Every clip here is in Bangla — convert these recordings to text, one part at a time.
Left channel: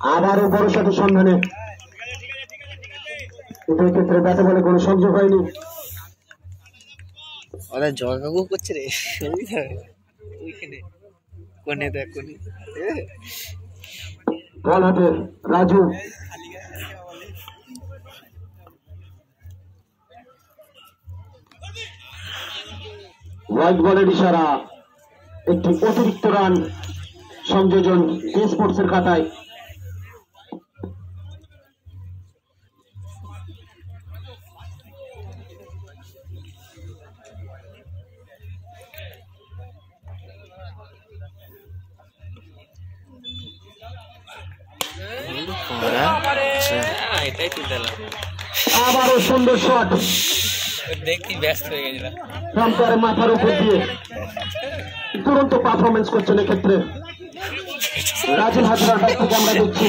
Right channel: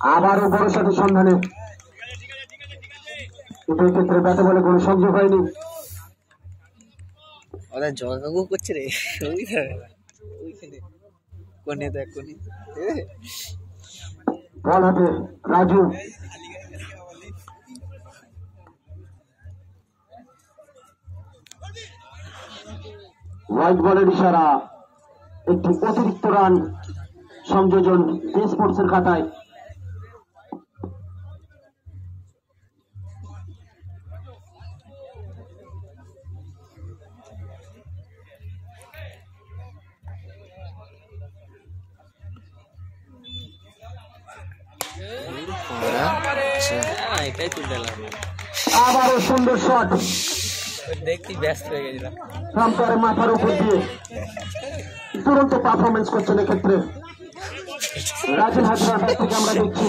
আবারও বড় শটের সন্ধানে, কিন্তু এই ক্ষেত্রে ব্যাটে বলে কোনো সংযোগ হয়নি। ওরা জগাগু করছে রে ওইখানে কোনে দেখ কোনে বল হাতে রাজু, হোয়াইট বলের ইশারা, একটি অতিরিক্ত রান সংযোজন স্পোর্টসের খাতায়। আবারও সুন্দর শট, দেখি ব্যস্ত হয়ে গেছিলাম রামপার মাথার উপর দিয়ে দুরন্ত পারফরমেন্স করছেন এক্ষেত্রে রাজেন হাজরা। থেকে আমরা দেখছি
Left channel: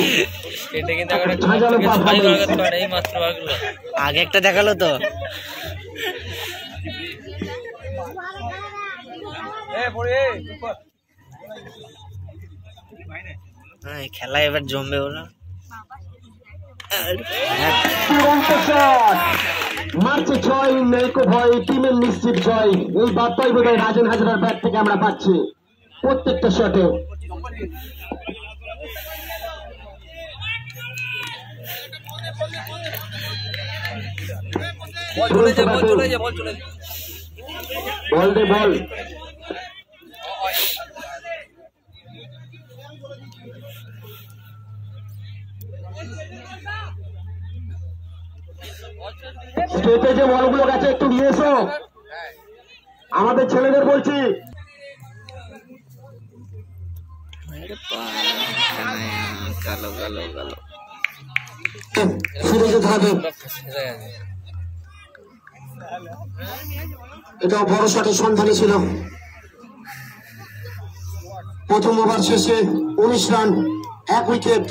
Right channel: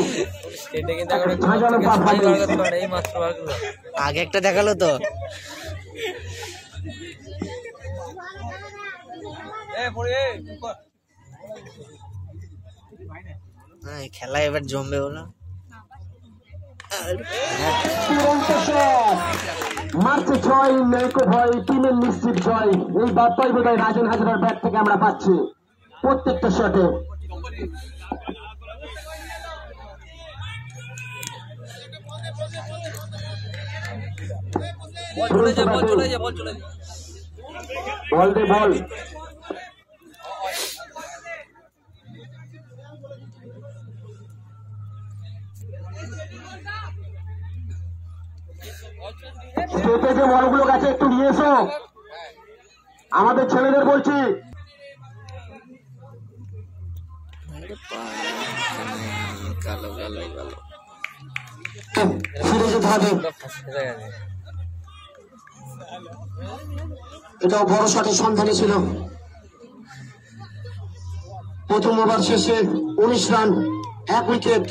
আগে একটা দেখালো তো খেলা এবার জমবে বলো। মার্চে জয়, মেলকো ভয়, টিমের নিশ্চিত জয়, এই বার্তাই বোধহয় রাজেন হাজরার ব্যাট থেকে আমরা পাচ্ছি প্রত্যেকটা শটে। বল দে বল, স্টেটে যে বলগুলো গেছে একটু নিয়ে এসো, আমাদের ছেলেদের বলছি। কালো কালো কালো ফিরে যেতে হবে, এটা বড় শটের সন্ধানে ছিল। প্রথম ওভার শেষে 19 রান, 1 উইকেট।